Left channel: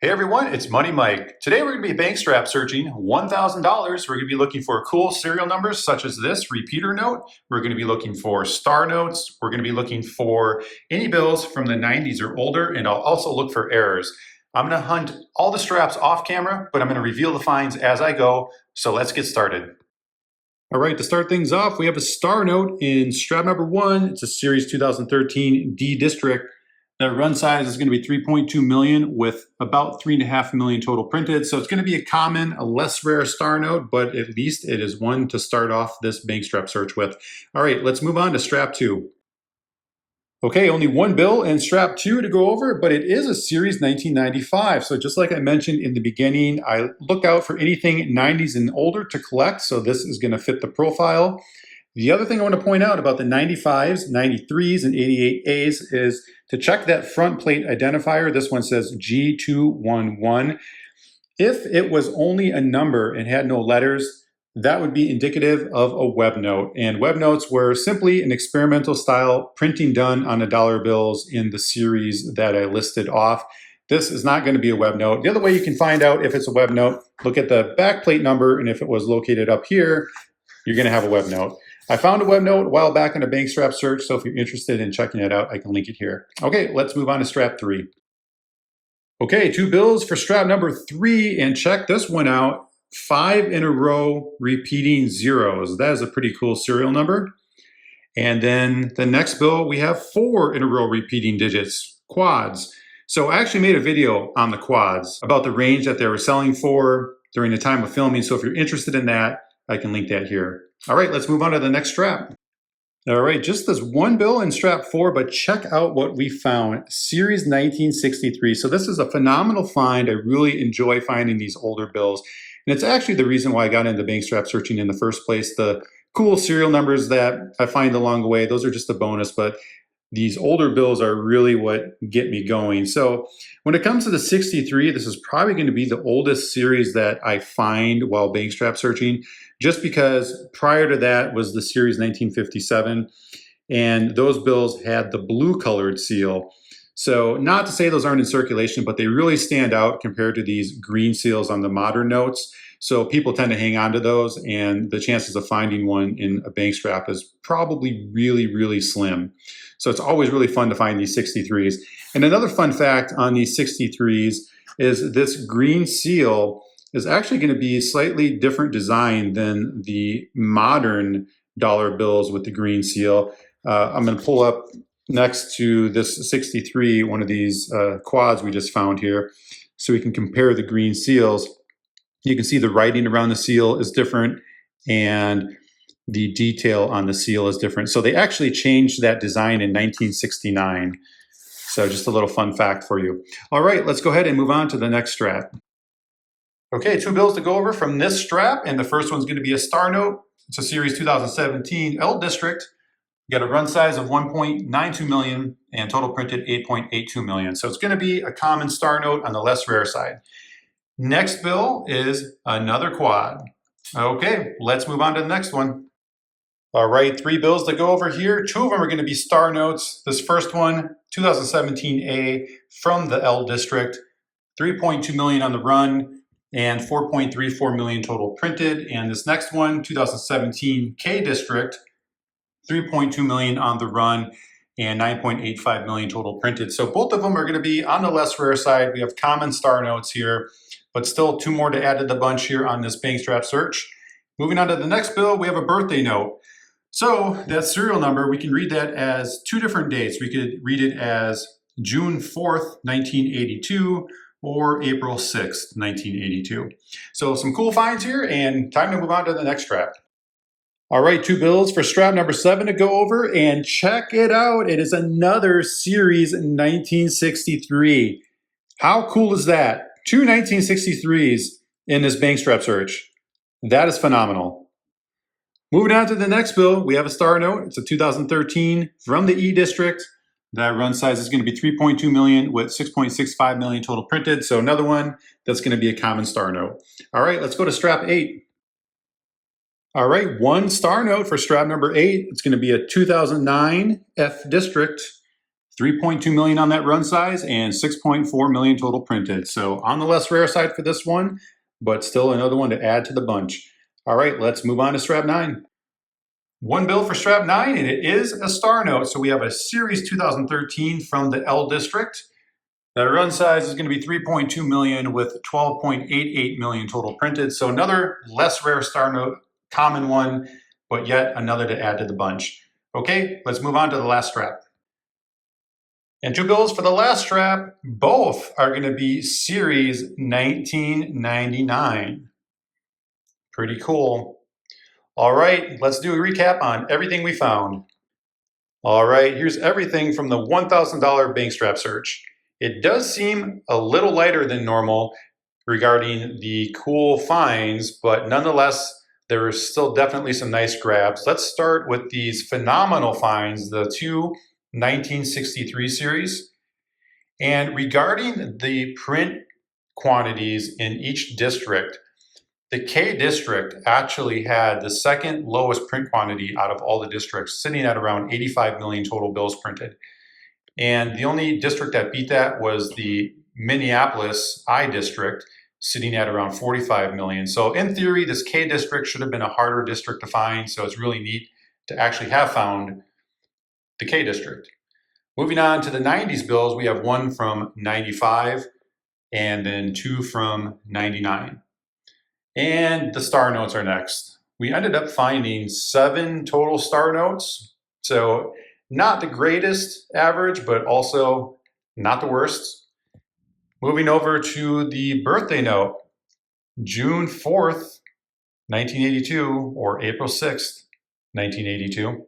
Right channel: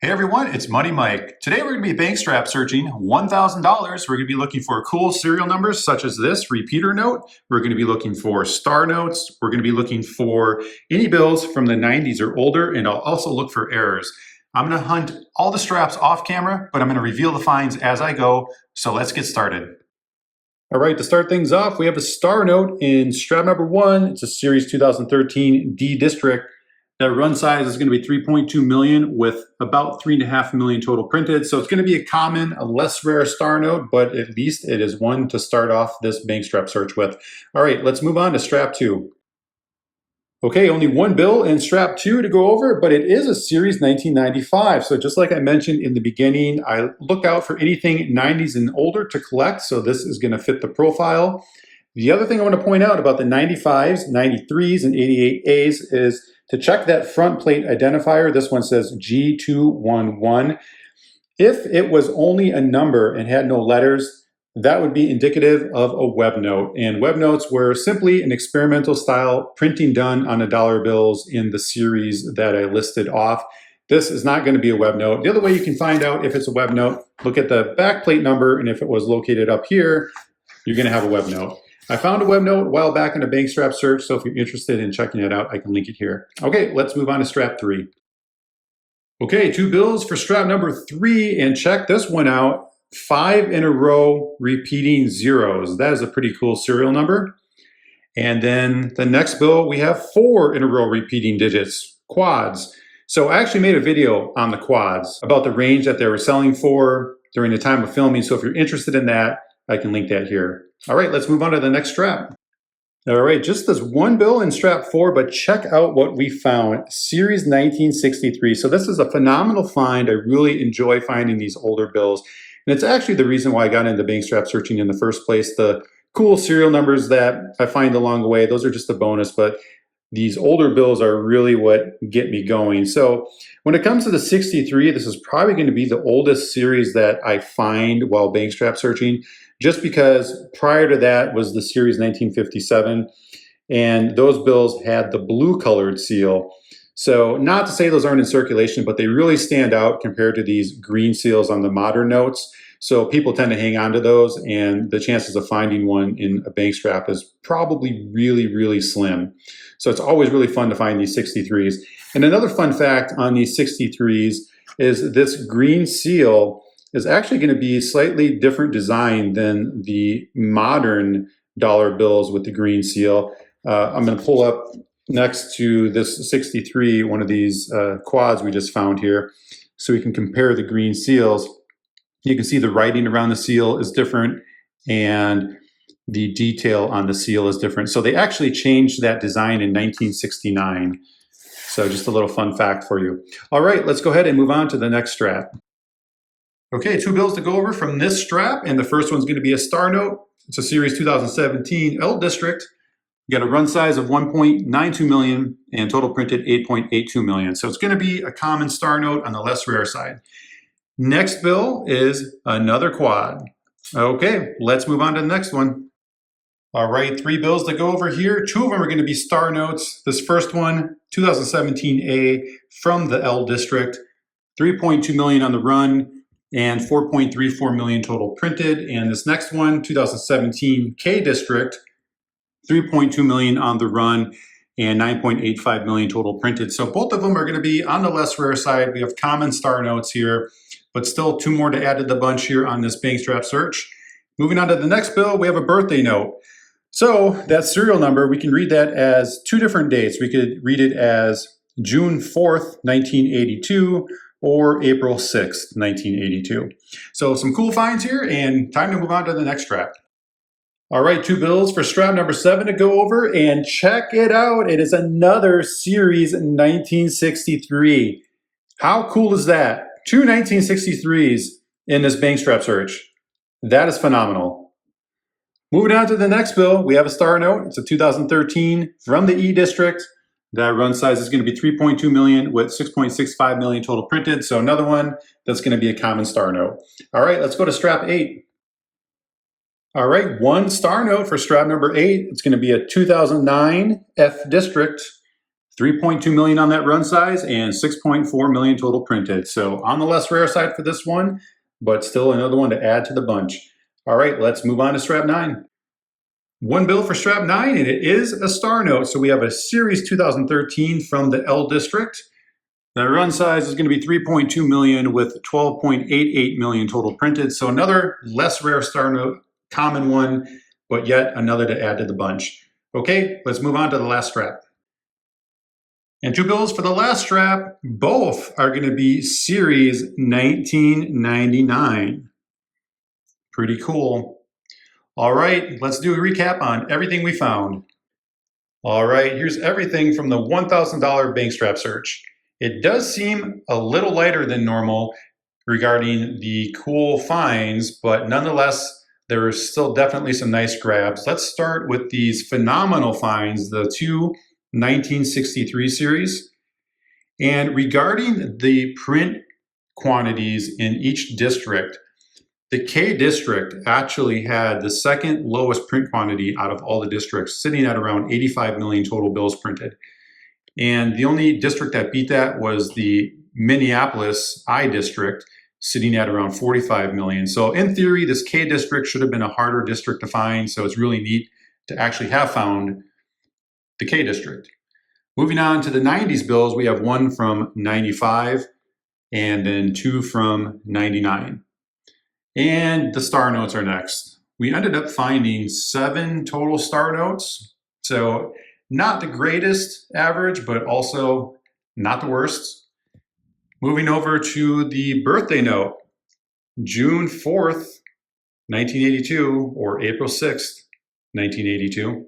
Hey everyone, it's Money Mike. Today we're going to be bank strap searching $1,000. We're going to be looking for cool serial numbers such as this repeater note. We're going to be looking for star notes. We're going to be looking for any bills from the 90s or older, and I'll also look for errors. I'm going to hunt all the straps off camera, but I'm going to reveal the finds as I go. So let's get started. All right, to start things off, we have a star note in strap number 1. It's a series 2013 D District. That run size is going to be 3.2 million with about 3.5 million total printed. So it's going to be a common, a less rare star note, but at least it is one to start off this bank strap search with. All right, let's move on to strap 2. Okay, only one bill in strap 2 to go over, but it is a series 1995. So just like I mentioned in the beginning, I look out for anything 90s and older to collect. So this is going to fit the profile. The other thing I want to point out about the 95s, 93s, and 88As is to check that front plate identifier. This one says G211. If it was only a number and had no letters, that would be indicative of a web note. And web notes were simply an experimental style printing done on $1 bills in the series that I listed off. This is not going to be a web note. The other way you can find out if it's a web note, look at the back plate number, and if it was located up here, you're going to have a web note. I found a web note a while back in a bank strap search, so if you're interested in checking it out, I can link it here. Okay, let's move on to strap 3. Okay, 2 bills for strap number 3, and check this one out. 5 in a row repeating zeros. That is a pretty cool serial number. And then the next bill, we have 4 in a row repeating digits, quads. So I actually made a video on the quads about the range that they were selling for during the time of filming, so if you're interested in that, I can link that here. All right, let's move on to the next strap. All right, just this one bill in strap 4, but check out what we found. Series 1963. So this is a phenomenal find. I really enjoy finding these older bills. And it's actually the reason why I got into bank strap searching in the first place. The cool serial numbers that I find along the way, those are just a bonus, but these older bills are really what get me going. So when it comes to the 63, this is probably going to be the oldest series that I find while bank strap searching, just because prior to that was the series 1957, and those bills had the blue colored seal. So not to say those aren't in circulation, but they really stand out compared to these green seals on the modern notes. So people tend to hang on to those, and the chances of finding one in a bank strap is probably really, really slim. So it's always really fun to find these 63s. And another fun fact on these 63s is this green seal is actually going to be a slightly different design than the modern dollar bills with the green seal. I'm going to pull up next to this 63, one of these quads we just found here, so we can compare the green seals. You can see the writing around the seal is different, and the detail on the seal is different. So they actually changed that design in 1969. So just a little fun fact for you. All right, let's go ahead and move on to the next strap. Okay, 2 bills to go over from this strap, and the first one's going to be a star note. It's a series 2017 L District. You got a run size of 1.92 million and total printed 8.82 million. So it's going to be a common star note on the less rare side. Next bill is another quad. Okay, let's move on to the next one. All right, 3 bills to go over here. 2 of them are going to be star notes. This first one, 2017A from the L District, 3.2 million on the run and 4.34 million total printed. And this next one, 2017 K District, 3.2 million on the run and 9.85 million total printed. So both of them are going to be on the less rare side. We have common star notes here, but still 2 more to add to the bunch here on this bank strap search. Moving on to the next bill, we have a birthday note. So that serial number, we can read that as 2 different dates. We could read it as June 4th, 1982, or April 6th, 1982. So some cool finds here, and time to move on to the next strap. All right, 2 bills for strap number 7 to go over, and check it out. It is another series 1963. How cool is that? 2 1963s in this bank strap search. That is phenomenal. Moving on to the next bill, we have a star note. It's a 2013 from the E District. That run size is going to be 3.2 million with 6.65 million total printed. So another one that's going to be a common star note. All right, let's go to strap 8. All right, 1 star note for strap number 8. It's going to be a 2009 F District, 3.2 million on that run size and 6.4 million total printed. So on the less rare side for this one, but still another one to add to the bunch. All right, let's move on to strap 9. One bill for strap 9, and it is a star note. So we have a series 2013 from the L District. That run size is going to be 3.2 million with 12.88 million total printed. So another less rare star note, common one, but yet another to add to the bunch. Okay, let's move on to the last strap. And 2 bills for the last strap. Both are going to be series 1999. Pretty cool. All right, let's do a recap on everything we found. All right, here's everything from the $1,000 bank strap search. It does seem a little lighter than normal regarding the cool finds, but nonetheless, there are still definitely some nice grabs. Let's start with these phenomenal finds, the 2 1963 series. And regarding the print quantities in each district, the K district actually had the second lowest print quantity out of all the districts, sitting at around 85 million total bills printed. And the only district that beat that was the Minneapolis I district, sitting at around 45 million. So in theory, this K district should have been a harder district to find. So it's really neat to actually have found the K district. Moving on to the 90s bills, we have 1 from 95 and then 2 from 99. And the star notes are next. We ended up finding 7 total star notes. So not the greatest average, but also not the worst. Moving over to the birthday note, June 4th, 1982, or April 6th, 1982.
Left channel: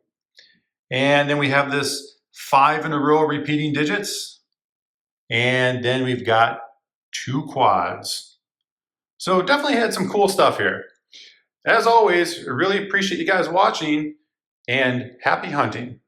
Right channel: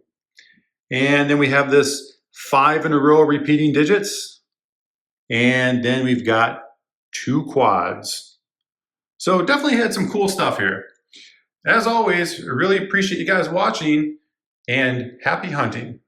And then we have this 5 in a row repeating digits. And then we've got 2 quads. So definitely had some cool stuff here. As always, I really appreciate you guys watching, and happy hunting.